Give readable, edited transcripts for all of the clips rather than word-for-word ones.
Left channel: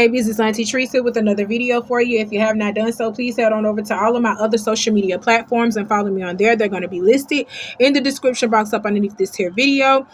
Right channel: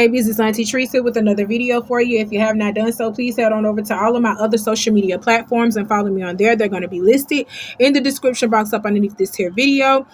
babies, it's Auntie Trice with another video for you. If you have not done so, please head on over to all of my other social media platforms and follow me on there. They're going to be listed in the description box up underneath this here video.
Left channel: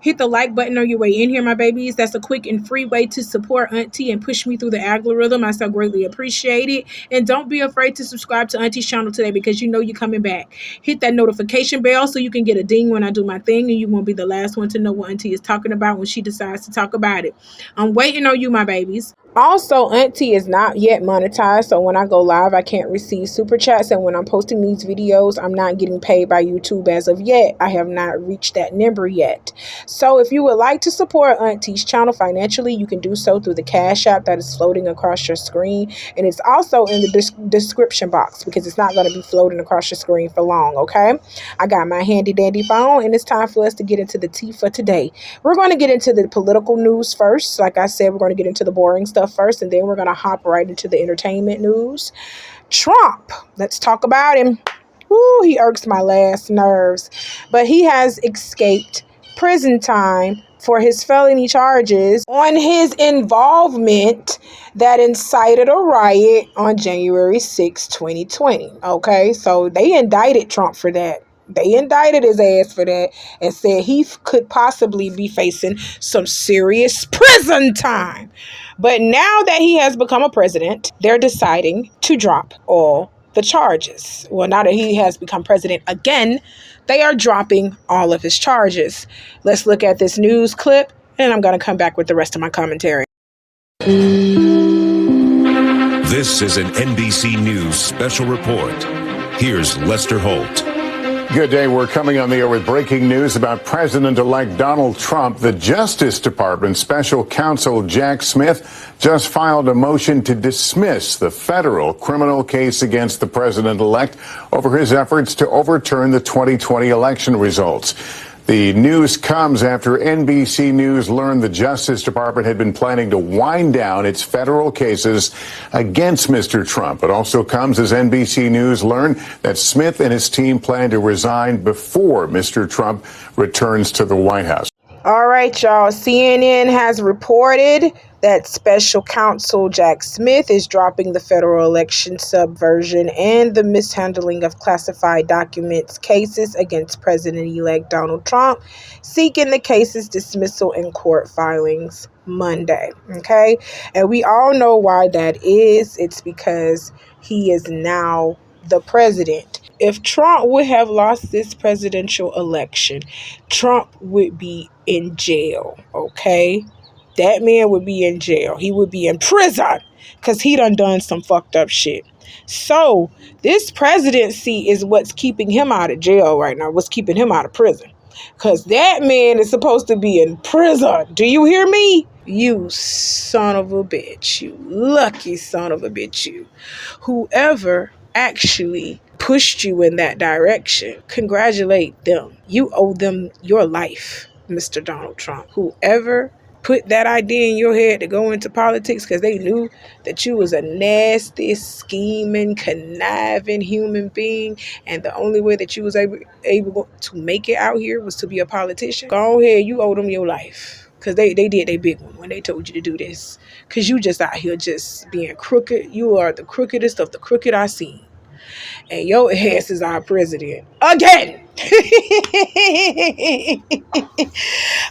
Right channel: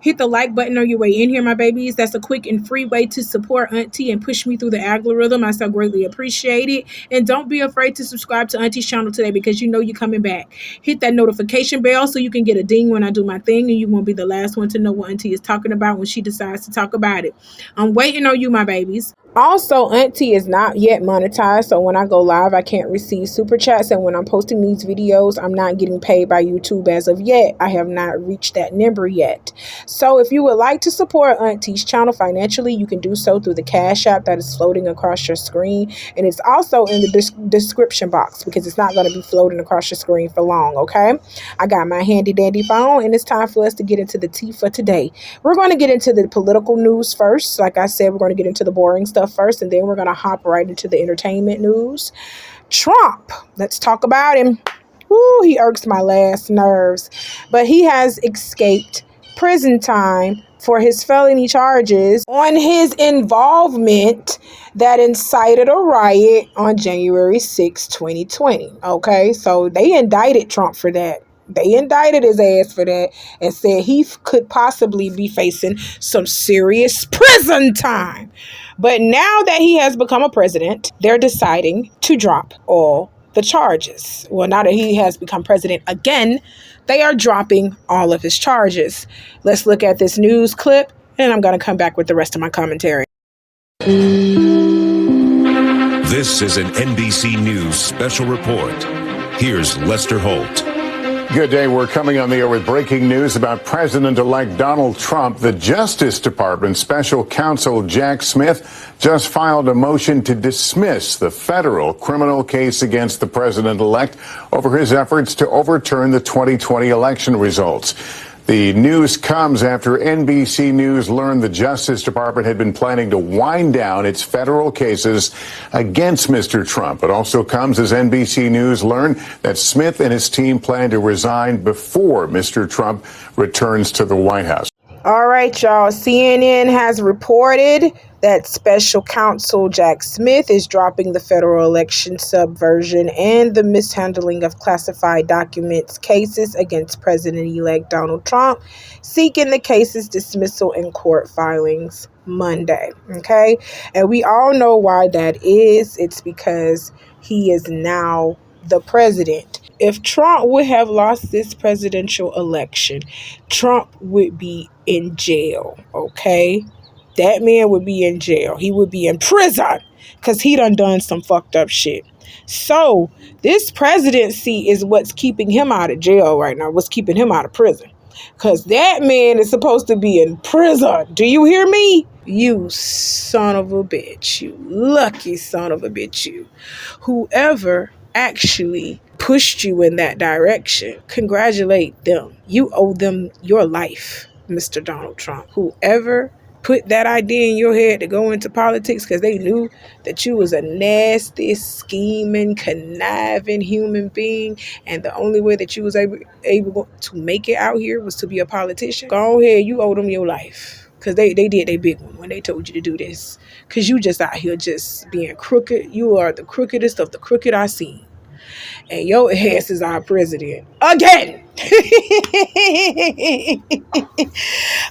Hit the like button on your way in here, my babies. That's a quick and free way to support Auntie and push me through the algorithm. I so greatly appreciate it. And don't be afraid to subscribe to Auntie's channel today because you know you're coming back. Hit that notification bell so you can get a ding when I do my thing, and you won't be the last one to know what Auntie is talking about when she decides to talk about it. I'm waiting on you, my babies. Also, Auntie is not yet monetized, so when I go live, I can't receive super chats, and when I'm posting these videos, I'm not getting paid by YouTube as of yet. I have not reached that number yet. So if you would like to support Auntie's channel financially, you can do so through the Cash App that is floating across your screen, and it's also in the description box because it's not going to be floating across your screen for long, okay? I got my handy dandy phone, and it's time for us to get into the tea for today. We're going to get into the political news first. Like I said, we're going to get into the boring stuff first, and then we're going to hop right into the entertainment news. Trump, let's talk about him. Ooh, he irks my last nerves, but he has escaped prison time for his felony charges on his involvement that incited a riot on January 6, 2020. Okay, so they indicted Trump for that. They indicted his ass for that and said he could possibly be facing some serious prison time. But now that he has become a president, they're deciding to drop all the charges. Well, now that he has become president again, they are dropping all of his charges. Let's look at this news clip, and I'm going to come back with the rest of my commentary. This is an NBC News special report. Here's Lester Holt. Good day. We're coming on the air with breaking news about President-elect Donald Trump. The Justice Department special counsel Jack Smith just filed a motion to dismiss the federal criminal case against the president-elect over his efforts to overturn the 2020 election results. The news comes after NBC News learned the Justice Department had been planning to wind down its federal cases against Mr. Trump. It also comes as NBC News learned that Smith and his team plan to resign before Mr. Trump returns to the White House. All right, y'all. CNN has reported that special counsel Jack Smith is dropping the federal election subversion and the mishandling of classified documents cases against President-elect Donald Trump, seeking the case's dismissal in court filings Monday. Okay? And we all know why that is. It's because he is now the president. If Trump would have lost this presidential election, Trump would be in jail, okay? That man would be in jail. He would be in prison because he done some fucked up shit. So this presidency is what's keeping him out of jail right now, what's keeping him out of prison. Because that man is supposed to be in prison. Do you hear me? You son of a bitch. You lucky son of a bitch, you. Whoever actually pushed you in that direction, congratulate them. You owe them your life, Mr. Donald Trump. Whoever put that idea in your head to go into politics because they knew that you was a nasty, scheming, conniving human being, and the only way that you was able to make it out here was to be a politician. Go ahead, you owe them your life because they did their big one when they told you to do this, because you just out here just being crooked. You are the crookedest of the crooked I seen. And your ass is our president again.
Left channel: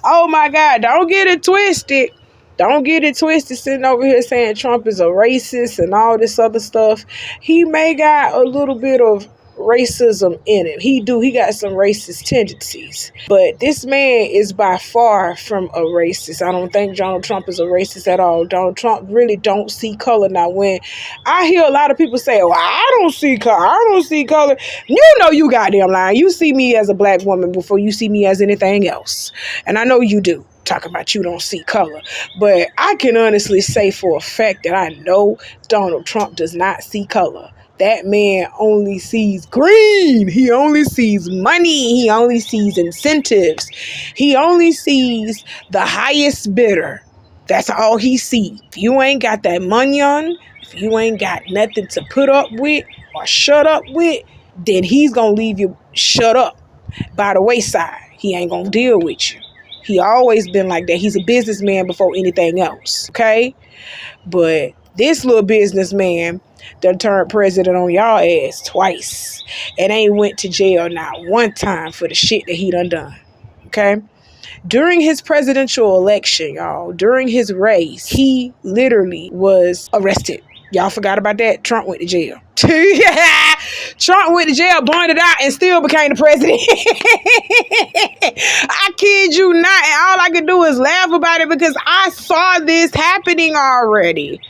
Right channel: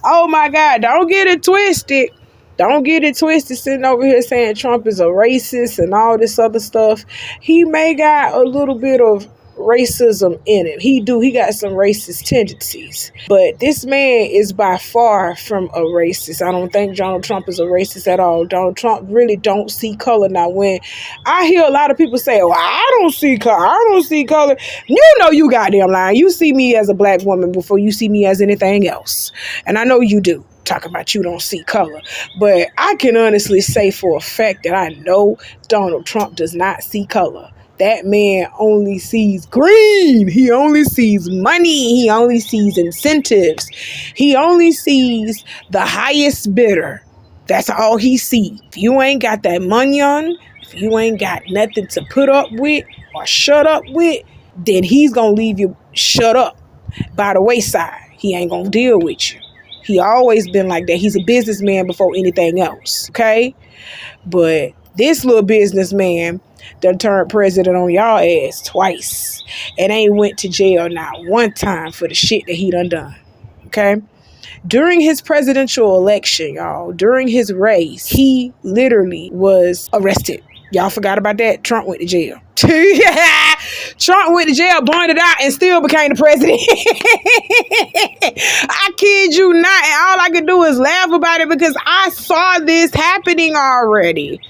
Oh my God, don't get it twisted. Don't get it twisted sitting over here saying Trump is a racist and all this other stuff. He may got a little bit of racism in him. He got some racist tendencies. But this man is by far from a racist. I don't think Donald Trump is a racist at all. Donald Trump really don't see color. Now, when I hear a lot of people say, well, I don't see color. You know you goddamn lying. You see me as a black woman before you see me as anything else. And I know you do. Talking about you don't see color. But I can honestly say for a fact that I know Donald Trump does not see color. That man only sees green. He only sees money. He only sees incentives. He only sees the highest bidder. That's all he sees. If you ain't got that money on, if you ain't got nothing to put up with or shut up with, then he's going to leave you shut up by the wayside. He ain't going to deal with you. He always been like that. He's a businessman before anything else, okay? But this little businessman done turned president on y'all ass twice and ain't went to jail not one time for the shit that he done. Okay? During his presidential election, y'all, during his race, he literally was arrested. Y'all forgot about that? Trump went to jail. Trump went to jail, bonded out, and still became the president. I kid you not. And all I could do is laugh about it because I saw this happening already.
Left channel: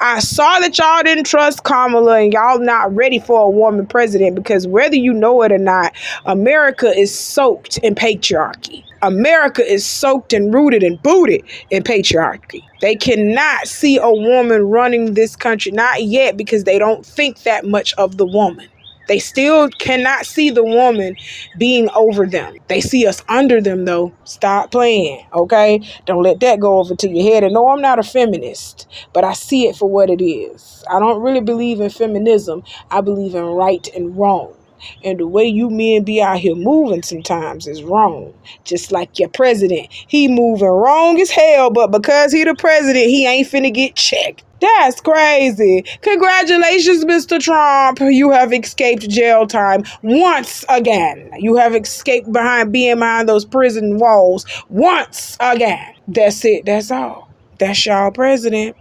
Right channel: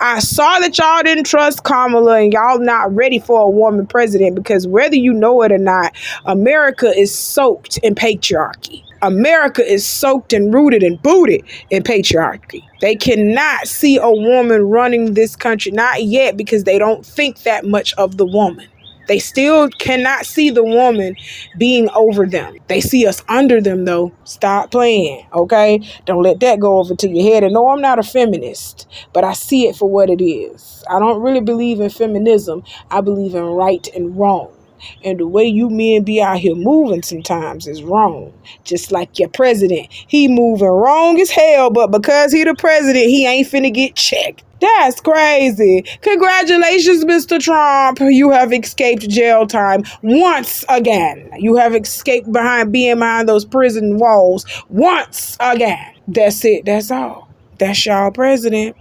I saw that y'all didn't trust Kamala and y'all not ready for a woman president because whether you know it or not, America is soaked in patriarchy. America is soaked and rooted and booted in patriarchy. They cannot see a woman running this country, not yet, because they don't think that much of the woman. They still cannot see the woman being over them. They see us under them, though. Stop playing, okay? Don't let that go over to your head. And no, I'm not a feminist, but I see it for what it is. I don't really believe in feminism. I believe in right and wrong. And the way you men be out here moving sometimes is wrong. Just like your president. He moving wrong as hell, but because he the president, he ain't finna get checked. That's crazy. Congratulations, Mr. Trump. You have escaped jail time once again. You have escaped being behind those prison walls once again. That's it. That's all. That's y'all president.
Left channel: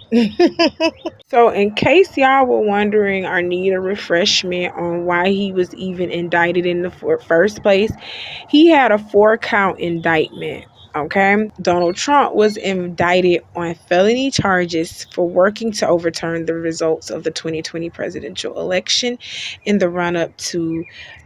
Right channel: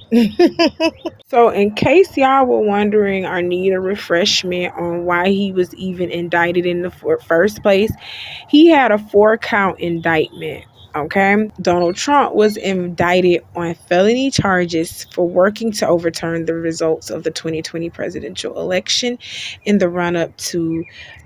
So in case y'all were wondering or need a refreshment on why he was even indicted in the first place, he had a 4-count indictment. Okay, Donald Trump was indicted on felony charges for working to overturn the results of the 2020 presidential election in the run-up to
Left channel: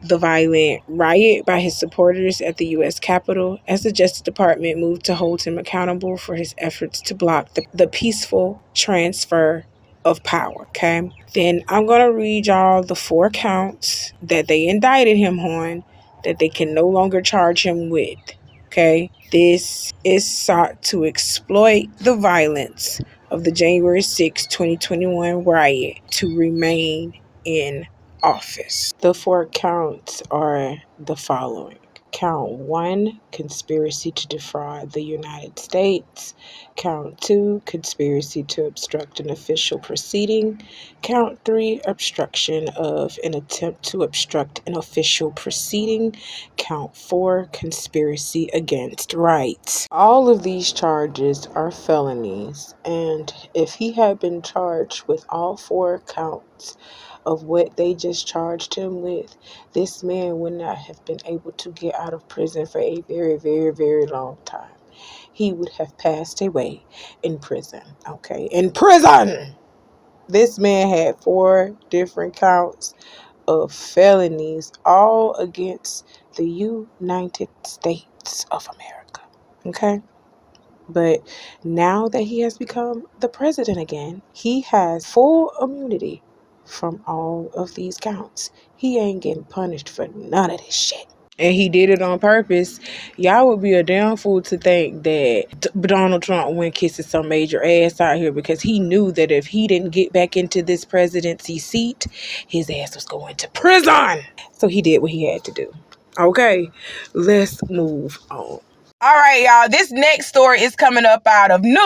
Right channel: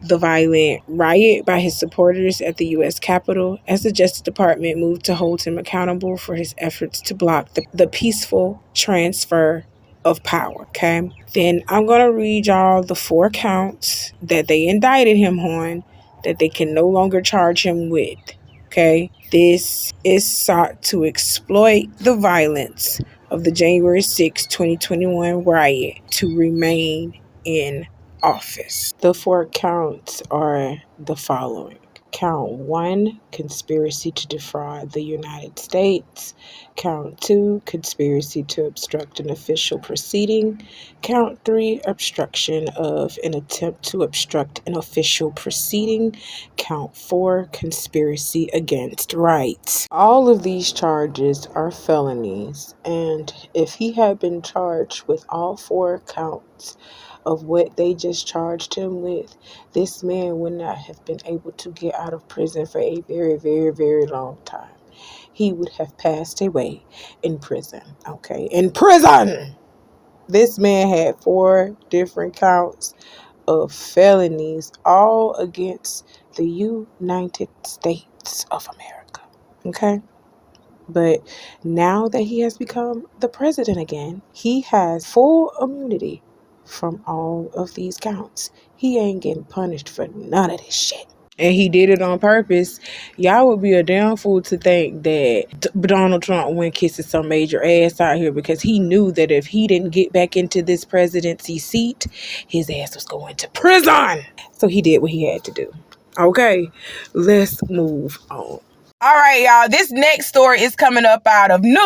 the violent riot by his supporters at the U.S. Capitol, as the Justice Department moved to hold him accountable for his efforts to block the peaceful transfer of power. Okay, then I'm gonna read y'all the 4 counts that they indicted him on that they can no longer charge him with. Okay, this is sought to exploit the violence of the January 6, 2021 riot to remain in office. The 4 counts are the following. Count 1, conspiracy to defraud the United States. Count 2, conspiracy to obstruct an official proceeding. Count 3, obstruction of an attempt to obstruct an official proceeding. Count 4, conspiracy against rights. All of these charges are felonies, and if he had been charged with all 4 counts of what they just charged him with, this man would not have been able to get out of prison for a very, very, very long time. He would have passed away in prison, okay? In prison! This man had 4 different counts of felonies, all against the United States of America, okay? But now that he has become the president again, he has full immunity from all of these counts. He ain't getting punished for none of this shit. And he did it on purpose. Y'all would be a damn fool to think that Donald Trump went kissing some major ass out here because he knew that if he didn't get back into this presidency seat, his ass was going to prison. So he did what he had to do. Okay, let's move on. All right, y'all, this next story is coming up out of New York,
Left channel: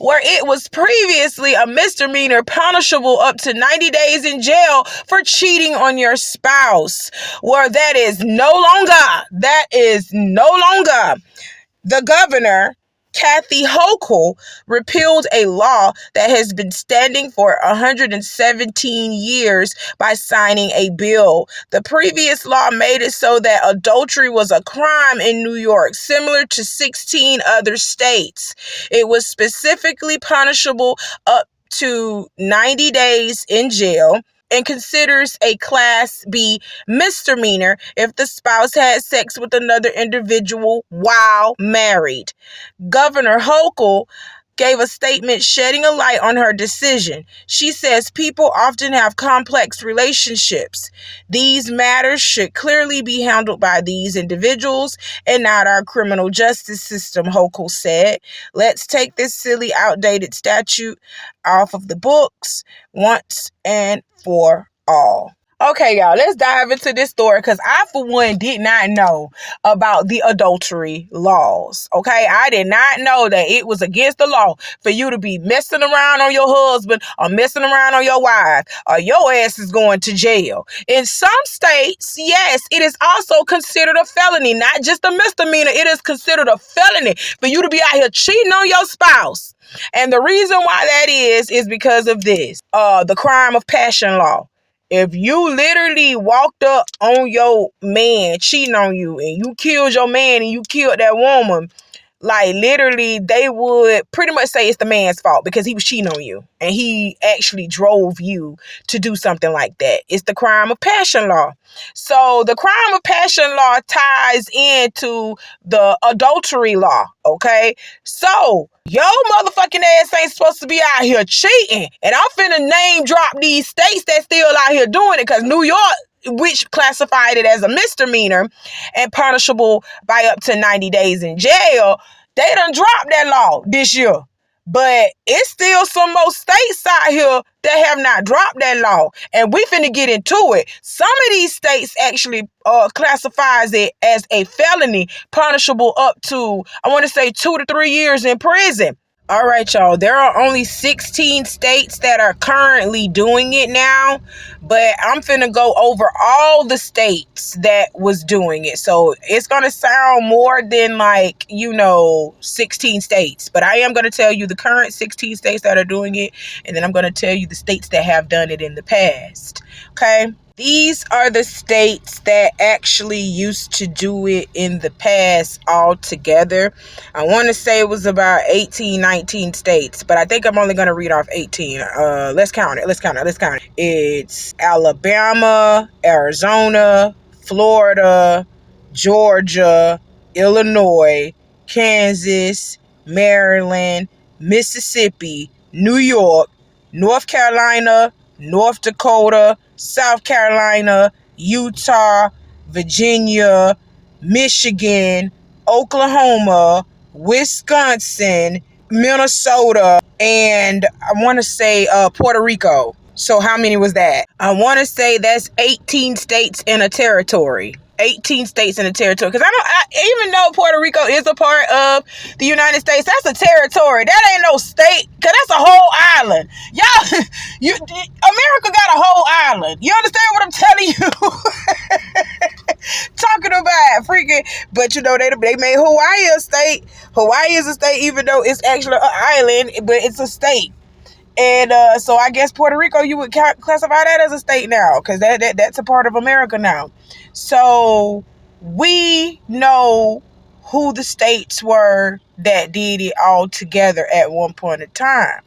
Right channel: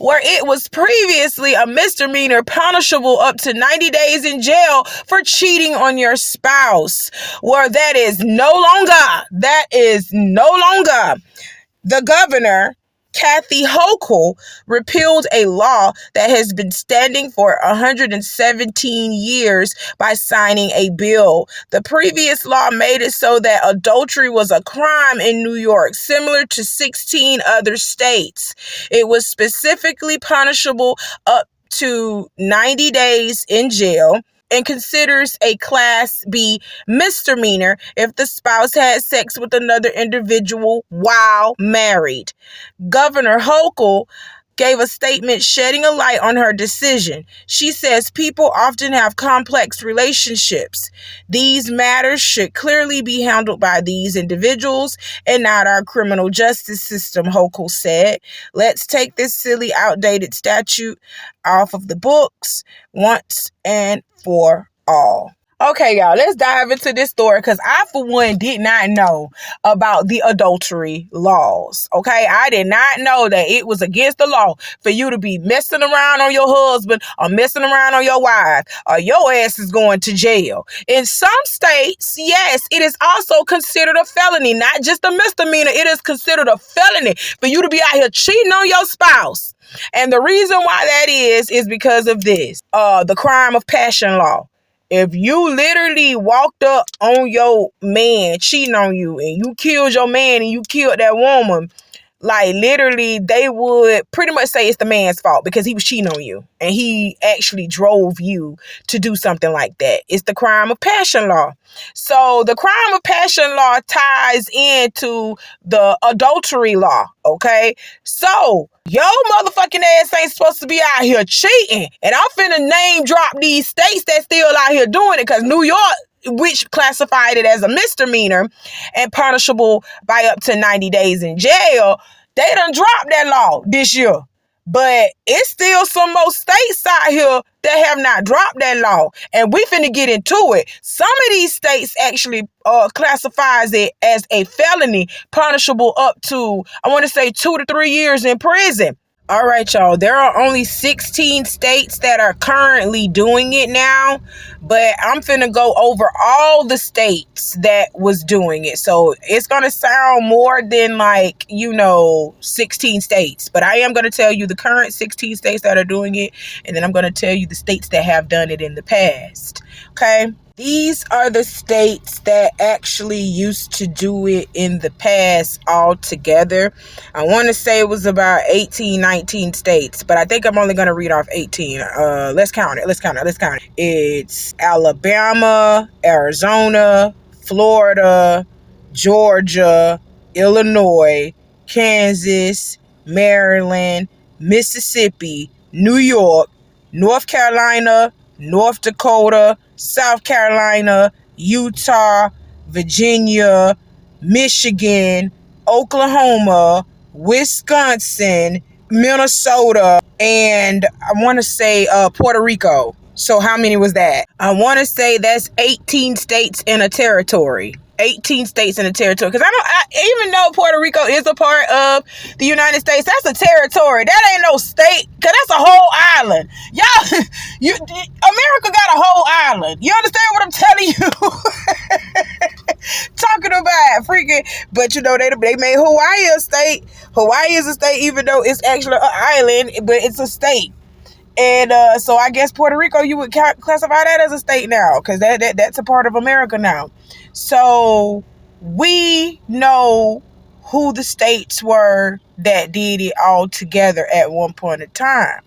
where it was previously a misdemeanor punishable up to 90 days in jail for cheating on your spouse. Where that is no longer. The governor, Kathy Hochul, repealed a law that has been standing for 117 years by signing a bill. The previous law made it so that adultery was a crime in New York, similar to 16 other states. It was specifically punishable up to 90 days in jail and considers a Class B misdemeanor if the spouse had sex with another individual while married. Governor Hochul gave a statement shedding a light on her decision. She says people often have complex relationships. These matters should clearly be handled by these individuals and not our criminal justice system, Hochul said. Let's take this silly, outdated statute off of the books once and for all. Okay, y'all, let's dive into this story because I, for one, did not know about the adultery laws. Okay, I did not know that it was against the law for you to be messing around on your husband or messing around on your wife, or your ass is going to jail. In some states, yes, it is also considered a felony, not just a misdemeanor. It is considered a felony for you to be out here cheating on your spouse. And the reason why that is because of this, the crime of passion law. If you literally walked up on your man cheating on you and you killed your man and you killed that woman, like literally they would pretty much say it's the man's fault because he was cheating on you and he actually drove you to do something like that. It's the crime of passion law. So the crime of passion law ties into the adultery law, okay? So your motherfucking ass ain't supposed to be out here cheating. And I'm finna name drop these states that still out here doing it, because New York, which classified it as a misdemeanor and punishable by up to 90 days in jail, they done dropped that law this year. But it's still some more states out here that have not dropped that law. And we finna get into it. Some of these states actually classifies it as a felony, punishable up to, I want to say, 2 to 3 years in prison. All right, y'all, there are only 16 states that are currently doing it now, but I'm finna go over all the states that was doing it. So it's gonna sound more than 16 states, but I am gonna tell you the current 16 states that are doing it, and then I'm gonna tell you the states that have done it in the past, okay? These are the states that actually used to do it in the past altogether. I want to say it was about 18, 19 states, but I think I'm only going to read off 18. Let's count it. It's Alabama, Arizona, Florida, Georgia, Illinois, Kansas, Maryland, Mississippi, New York, North Carolina, North Dakota, South Carolina, Utah, Virginia, Michigan, Oklahoma, Wisconsin, Minnesota, and I want to say Puerto Rico. So how many was that? I want to say that's 18 states in a territory. 18 states in a territory. Because even though Puerto Rico is a part of the United States, that's a territory. That ain't no state. Because that's a whole island. Y'all, America got a whole island. You understand what I'm telling you? Talking about freaking, but they made Hawaii a state. Hawaii is a state, even though it's actually an island, but it's a state. And so I guess Puerto Rico, you would classify that as a state now, because that's a part of America now. So we know who the states were that did it all together at one point in time.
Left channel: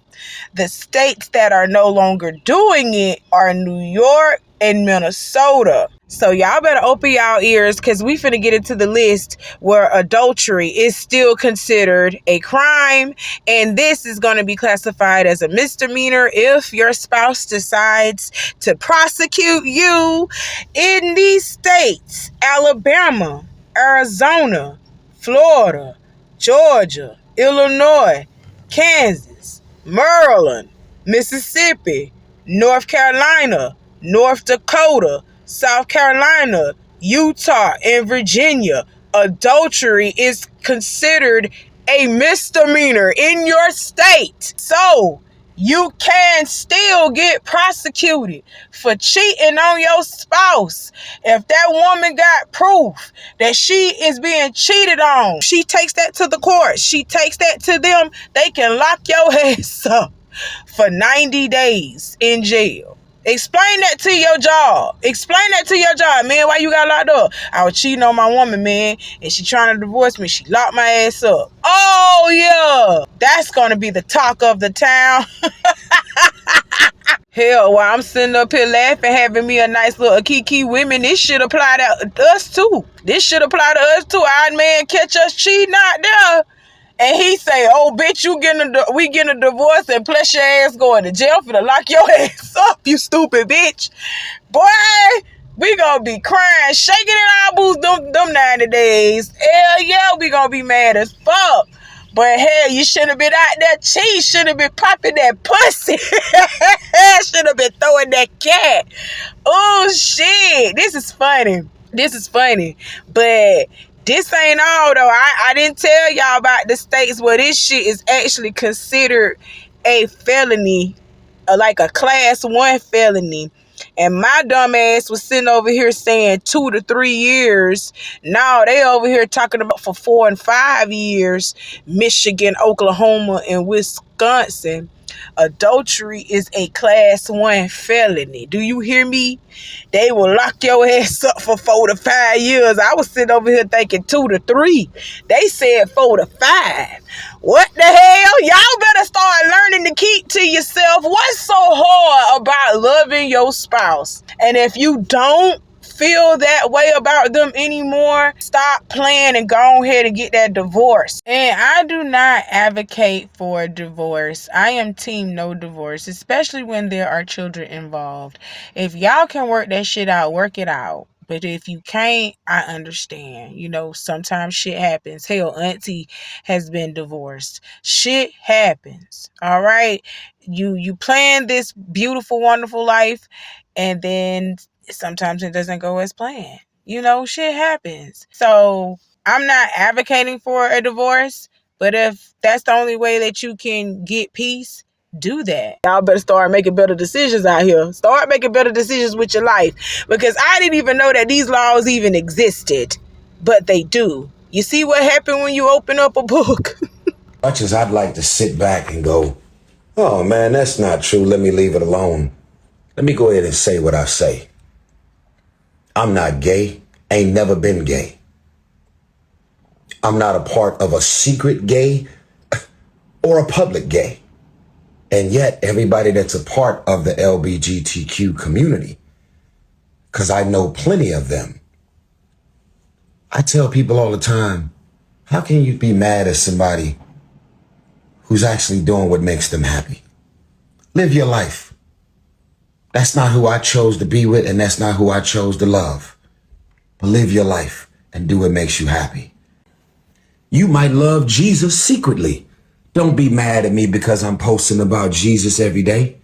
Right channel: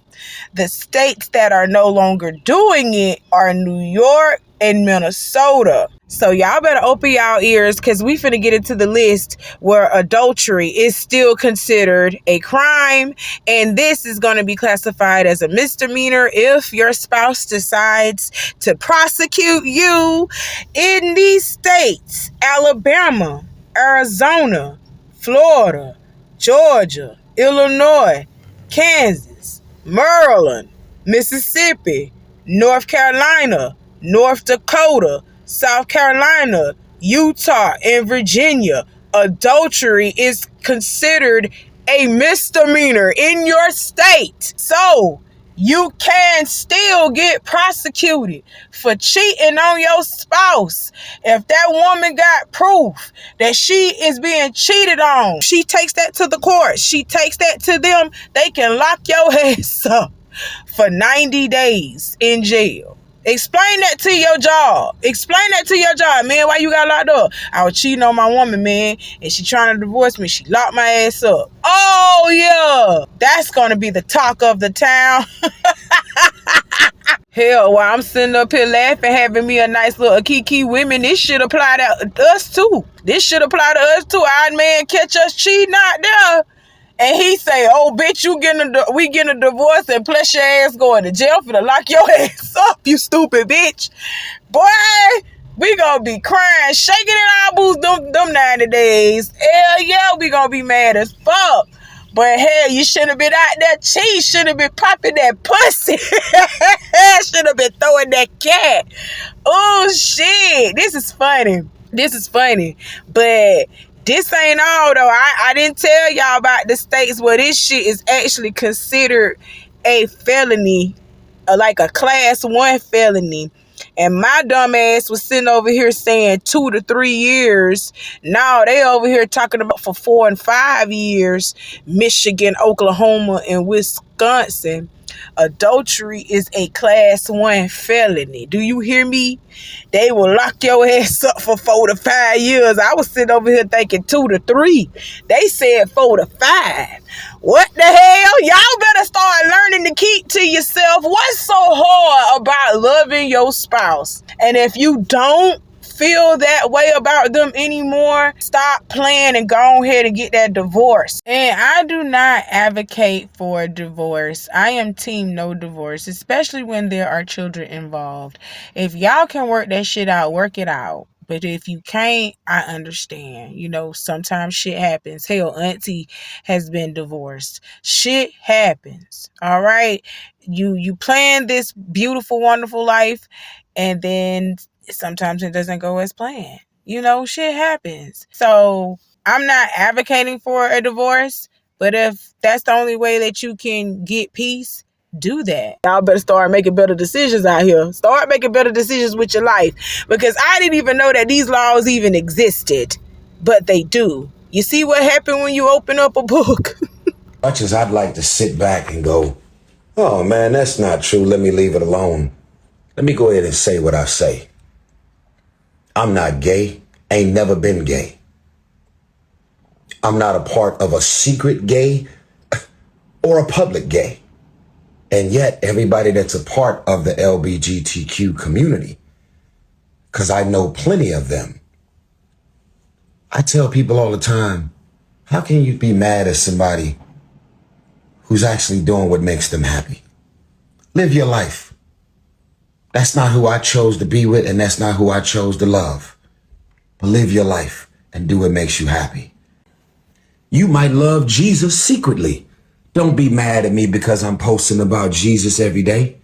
The states that are no longer doing it are New York and Minnesota. So y'all better open y'all ears, because we finna get into the list where adultery is still considered a crime, and this is going to be classified as a misdemeanor if your spouse decides to prosecute you. In these states: Alabama, Arizona, Florida, Georgia, Illinois, Kansas, Maryland, Mississippi, North Carolina, North Dakota, South Carolina, Utah, and Virginia. Adultery is considered a misdemeanor in your state. So you can still get prosecuted for cheating on your spouse. If that woman got proof that she is being cheated on, she takes that to the court. She takes that to them. They can lock your ass up for 90 days in jail. Explain that to your job. Man, why you got locked up? I was cheating on my woman, man, and she trying to divorce me. She locked my ass up. Oh, yeah. That's going to be the talk of the town. Hell, while I'm sitting up here laughing, having me a nice little kiki women, this should apply to us, too. Our man catch us cheating out there, and he say, "Oh, bitch, we getting a divorce, and plus your ass going to jail for to lock your ass up, you stupid bitch." Boy, we gonna be crying, shaking in our boots them 90 days. Hell yeah, we gonna be mad as fuck. But hell, you should have been out there cheating. Should have been popping that pussy. Should have been throwing that cat. Oh, shit. This is funny. But this ain't all, though. I didn't tell y'all about the states where this shit is actually considered a felony, like a class 1 felony. And my dumb ass was sitting over here saying 2 to 3 years. No, they over here talking about for 4 and 5 years. Michigan, Oklahoma, and Wisconsin. Adultery is a class 1 felony. Do you hear me? They will lock your ass up for 4 to 5 years. I was sitting over here thinking 2 to 3. They said 4 to 5. What the hell? Y'all better start learning to keep to yourself. What's so hard about loving your spouse? And if you don't feel that way about them anymore, stop playing and go ahead and get that divorce. And I do not advocate for divorce. I am team no divorce, especially when there are children involved. If y'all can work that shit out, work it out. But if you can't, I understand. You know, sometimes shit happens. Hell, Auntie has been divorced. Shit happens. All right? You plan this beautiful, wonderful life, and then sometimes it doesn't go as planned. You know, shit happens. So I'm not advocating for a divorce, but if that's the only way that you can get peace, do that. Y'all better start making better decisions out here. Start making better decisions with your life, because I didn't even know that these laws even existed, but they do. You see what happened when you open up a book? Much as I'd like to sit back and go, oh man, that's not true, let me leave it alone. Let me go ahead and say what I say. I'm not gay, ain't never been gay. I'm not a part of a secret gay or a public gay. And yet everybody that's a part of the LGBTQ community, because I know plenty of them, I tell people all the time, how can you be mad at somebody who's actually doing what makes them happy? Live your life. That's not who I chose to be with, and that's not who I chose to love. But live your life and do what makes you happy. You might love Jesus secretly. Don't be mad at me because I'm posting about Jesus every day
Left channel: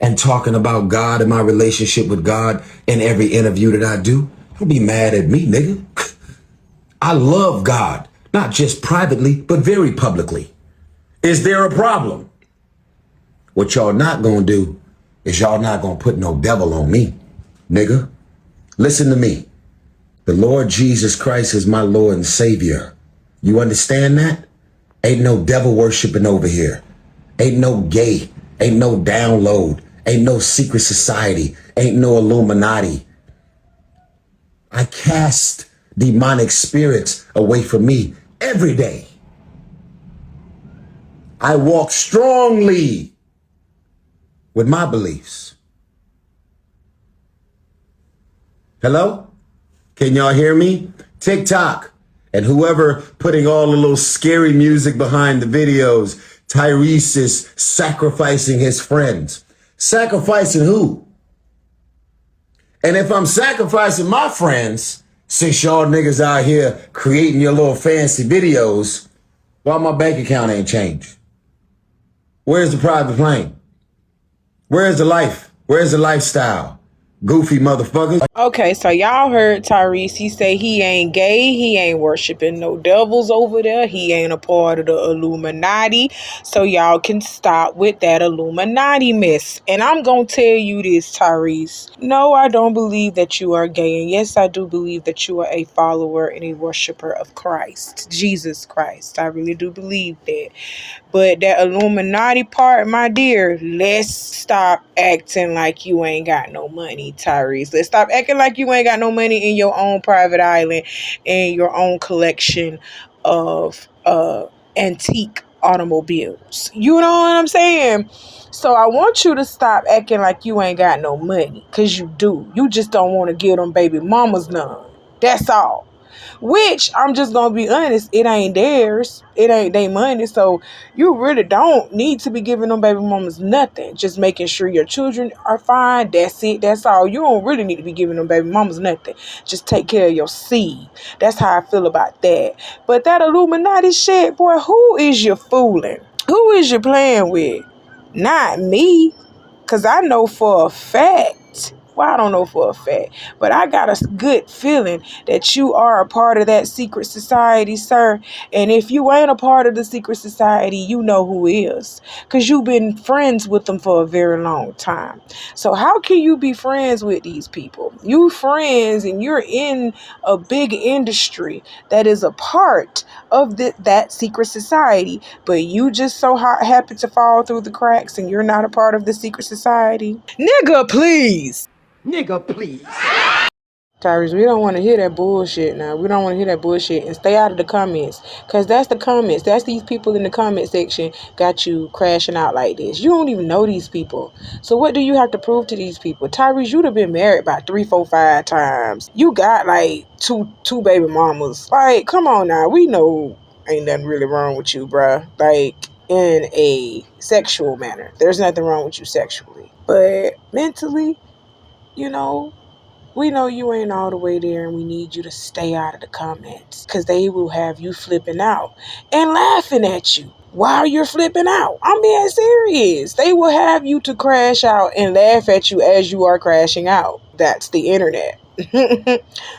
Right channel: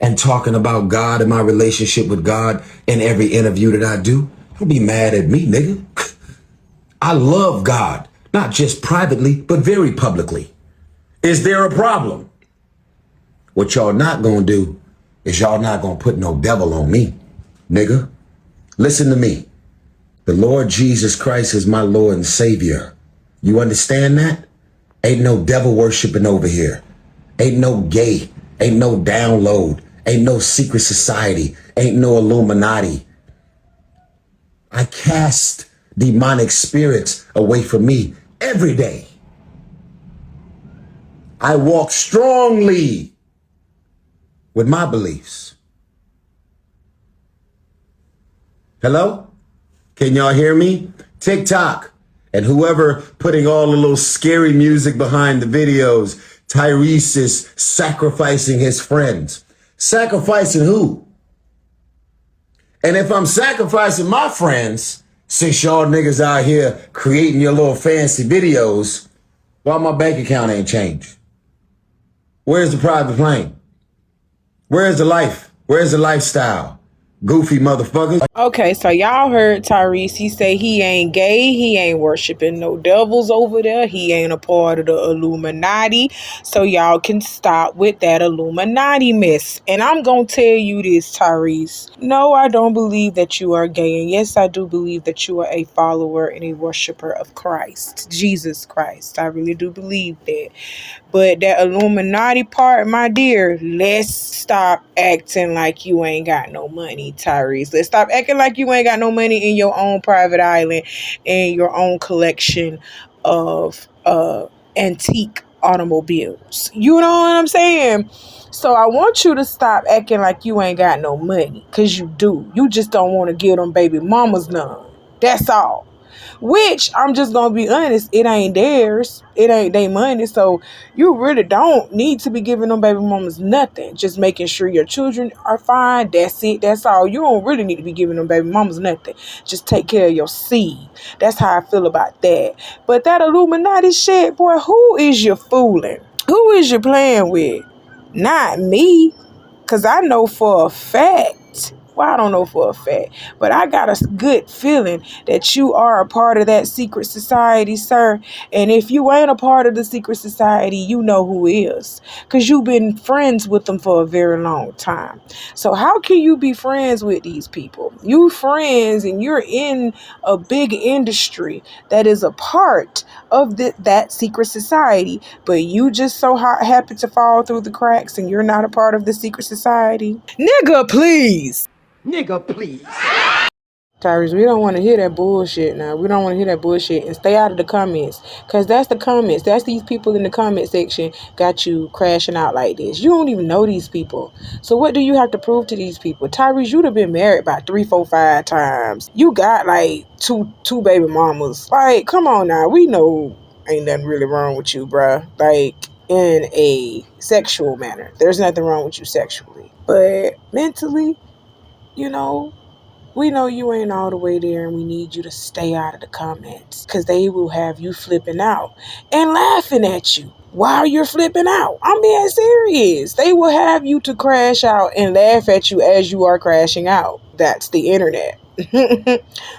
and talking about God and my relationship with God in every interview that I do. Don't be mad at me, nigga. I love God, not just privately, but very publicly. Is there a problem? What y'all not gonna do is y'all not gonna put no devil on me, nigga. Listen to me. The Lord Jesus Christ is my Lord and Savior. You understand that? Ain't no devil worshiping over here. Ain't no gay. Ain't no download. Ain't no secret society. Ain't no Illuminati. I cast demonic spirits away from me every day. I walk strongly with my beliefs. Hello? Can y'all hear me? TikTok and whoever putting all the little scary music behind the videos. Tyrese is sacrificing his friends. Sacrificing who? And if I'm sacrificing my friends, since y'all niggas out here creating your little fancy videos, why my bank account ain't changed? Where's the private plane? Where's the life? Where's the lifestyle? Goofy motherfuckers. Okay, so y'all heard Tyrese. He say he ain't gay. He ain't worshiping no devils over there. He ain't a part of the Illuminati. So y'all can stop with that Illuminati mess. And I'm going to tell you this, Tyrese. No, I don't believe that you are gay. And yes, I do believe that you are a follower and a worshiper of Christ, Jesus Christ. I really do believe that. But that Illuminati part, my dear, let's stop acting like you ain't got no money, Tyrese. Let's stop acting like you ain't got no money in your own private island and your own collection of antique automobiles. You know what I'm saying? So I want you to stop acting like you ain't got no money, because you do. You just don't want to give them baby mamas none. That's all. which I'm just gonna be honest, it ain't theirs. It ain't their money. So you really don't need to be giving them baby mamas nothing. Just making sure your children are fine. That's it. That's all. You don't really need to be giving them baby mamas nothing. Just take care of your seed. That's how I feel about that. But that Illuminati shit, boy, who is you fooling? Who is you playing with? Not me. Because I know for a fact, well, I don't know for a fact, but I got a good feeling that you are a part of that secret society, sir. And if you ain't a part of the secret society, you know who is. Because you've been friends with them for a very long time. So how can you be friends with these people? You friends and you're in a big industry that is a part of that secret society, but you just so happen to fall through the cracks and you're not a part of the secret society? Nigga, please. Nigga, please. Tyrese, we don't want to hear that bullshit now. We don't want to hear that bullshit. And stay out of the comments. Because that's the comments. That's these people in the comment section got you crashing out like this. You don't even know these people. So what do you have to prove to these people? Tyrese, you'd have been married about 3, 4, 5 times. You got like two baby mamas. Like, come on now. We know ain't nothing really wrong with you, bruh. Like, in a sexual manner. There's nothing wrong with you sexually. But mentally, you know, we know you ain't all the way there and we need you to stay out of the comments because they will have you flipping out and laughing at you while you're flipping out. I'm being serious. They will have you to crash out and laugh at you as you are crashing out. That's the internet.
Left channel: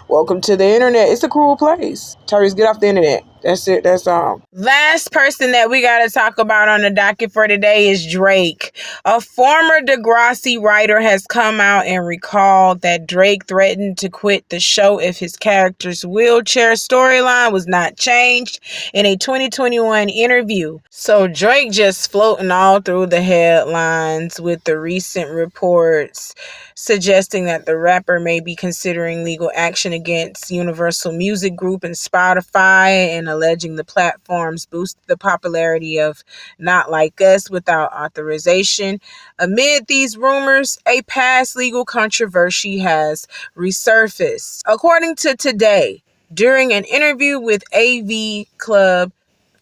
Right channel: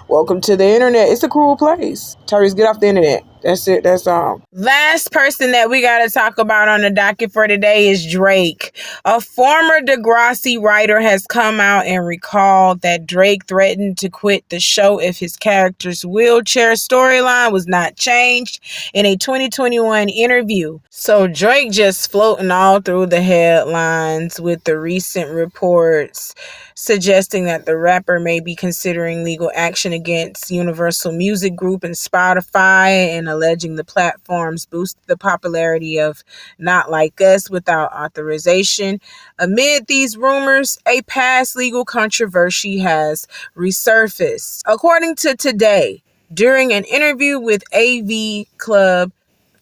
Welcome to the internet. It's a cruel place. Tyrese, get off the internet. That's it. That's all. Last person that we got to talk about on the docket for today is Drake. A former Degrassi writer has come out and recalled that Drake threatened to quit the show if his character's wheelchair storyline was not changed in a 2021 interview. So Drake just floating all through the headlines with the recent reports suggesting that the rapper may be considering legal action against Universal Music Group and Spotify and alleging the platforms boost the popularity of Not Like Us without authorization. Amid these rumors, a past legal controversy has resurfaced. According to Today, during an interview with AV Club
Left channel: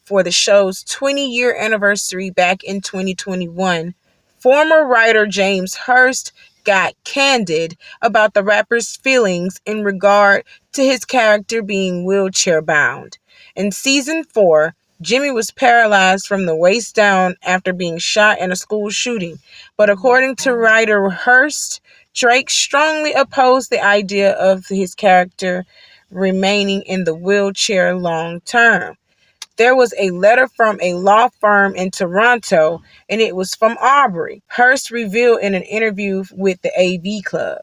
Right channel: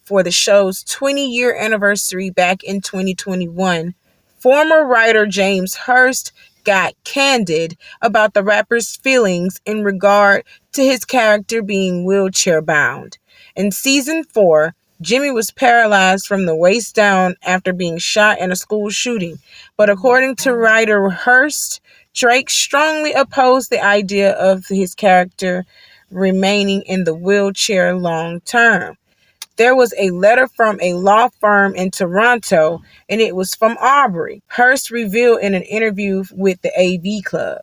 for the show's 20-year anniversary back in 2021, former writer James Hurst got candid about the rapper's feelings in regard to his character being wheelchair bound. In season 4, Jimmy was paralyzed from the waist down after being shot in a school shooting. But according to writer Hurst, Drake strongly opposed the idea of his character remaining in the wheelchair long term. There was a letter from a law firm in Toronto, and it was from Aubrey. Hurst revealed in an interview with the AV Club.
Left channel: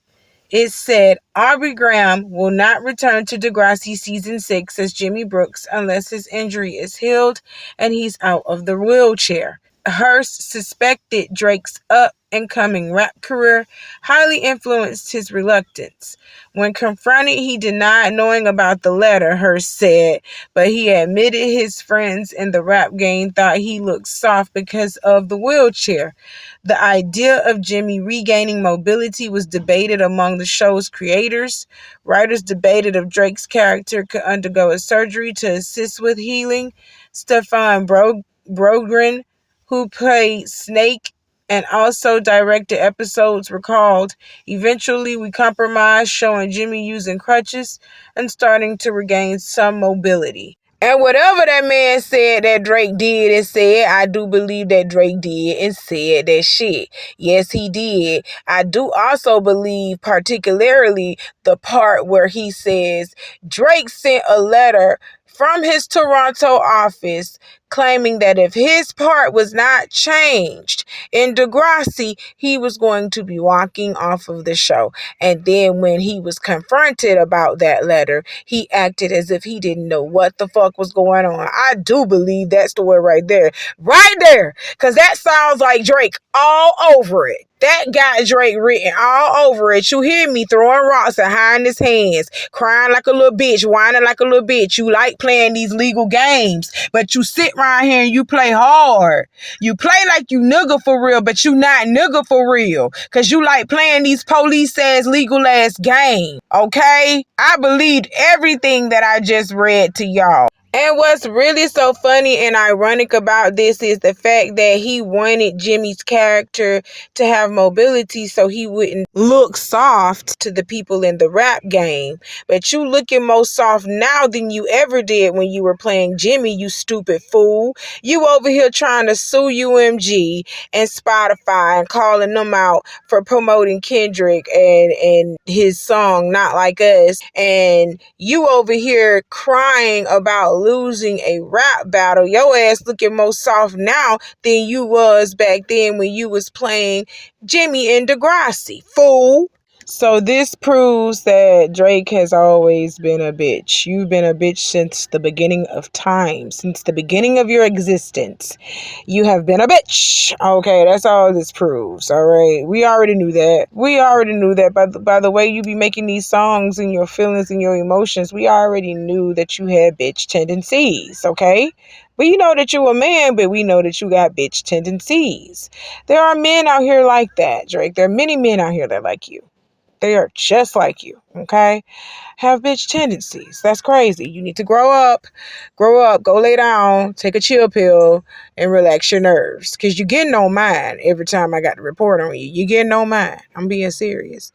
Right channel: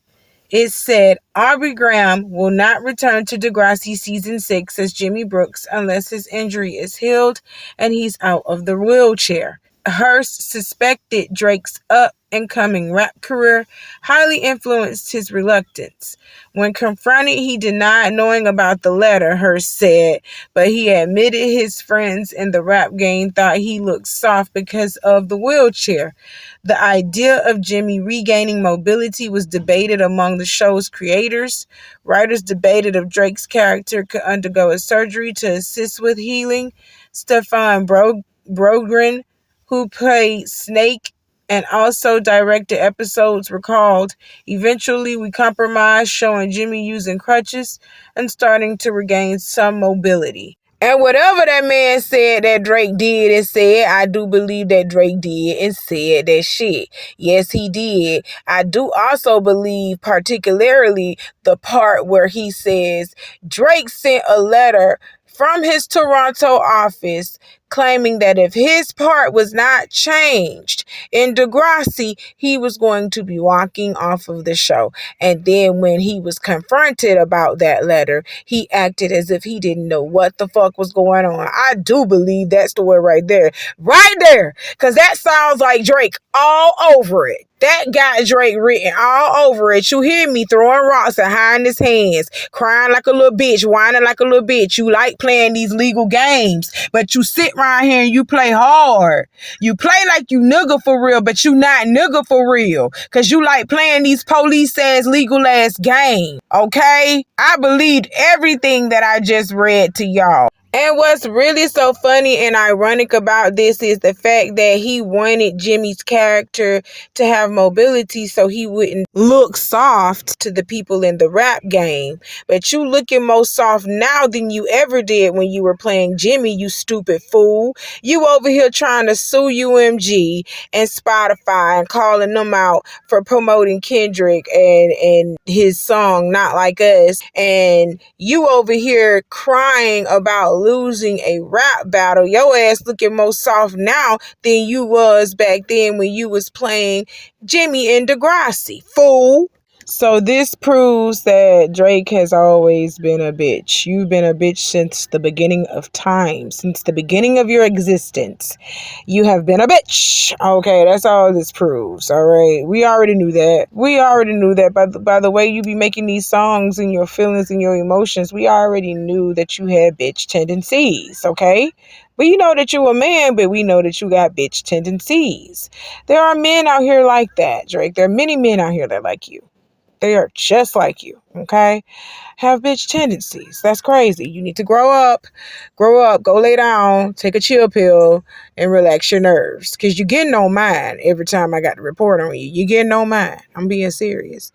It said, Aubrey Graham will not return to Degrassi Season 6 as Jimmy Brooks unless his injury is healed and he's out of the wheelchair. Hurst suspected Drake's up-and-coming rap career highly influenced his reluctance. When confronted, he denied knowing about the letter, Hurst said, but he admitted his friends in the rap game thought he looked soft because of the wheelchair. The idea of Jimmy regaining mobility was debated among the show's creators. Writers debated if Drake's character could undergo a surgery to assist with healing. Stefan Brogren, who played Snake and also directed episodes, recalled, eventually we compromised, showing Jimmy using crutches and starting to regain some mobility. And whatever that man said that Drake did and said, I do believe that Drake did and said that shit. Yes, he did. I do also believe particularly the part where he says Drake sent a letter from his Toronto office claiming that if his part was not changed in Degrassi, he was going to be walking off of the show. And then when he was confronted about that letter, he acted as if he didn't know what the fuck was going on. I do believe that story right there. Right there. Because that sounds like Drake all over it. That got Drake written all over it. You hear me throwing rocks and hiding his hands, crying like a little bitch, whining like a little bitch. You like playing these legal games, but you sit right here and you play hard. You play like you nigga for real, but you not nigga for real. Cause you like playing these police ass, legal ass games. Okay? I believed everything that I just read to y'all. And what's really so funny and ironic about this is the fact that he wanted Jimmy's character to have mobility so he wouldn't look soft to the people in the rap game. But you looking more soft now than you ever did when you were playing Jimmy, you stupid fool. You over here trying to sue UMG and Spotify and calling them out for promoting Kendrick and his song Not Like Us. And you over here crying about losing a rap battle. Your ass looking more soft now than you was back then when you was playing Jimmy and Degrassi, fool. So this proves that Drake has always been a bitch. You've been a bitch since the beginning of time, since the beginning of your existence. You have been a bitch. Okay, that's all this proves. All right, we already knew that. We already knew that by the way you be making these songs and your feelings and your emotions. We already knew that you had bitch tendencies. Okay. We know that you're a man, but we know that you got bitch tendencies. There are men out here like that, Drake. There are many men out here that like you. They are just like you, okay? Have bitch tendencies. That's crazy. You need to grow up, go lay down, take a chill pill, and relax your nerves. Because you're getting on mine every time I got to report on you. You're getting on mine. I'm being serious.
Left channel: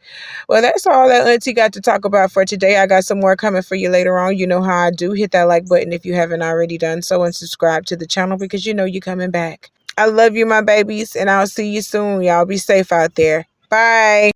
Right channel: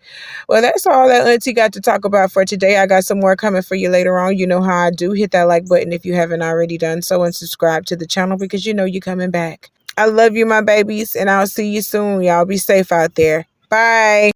Well, that's all that Auntie got to talk about for today. I got some more coming for you later on. You know how I do. Hit that like button if you haven't already done so, and subscribe to the channel because you know you're coming back. I love you, my babies, and I'll see you soon. Y'all be safe out there. Bye.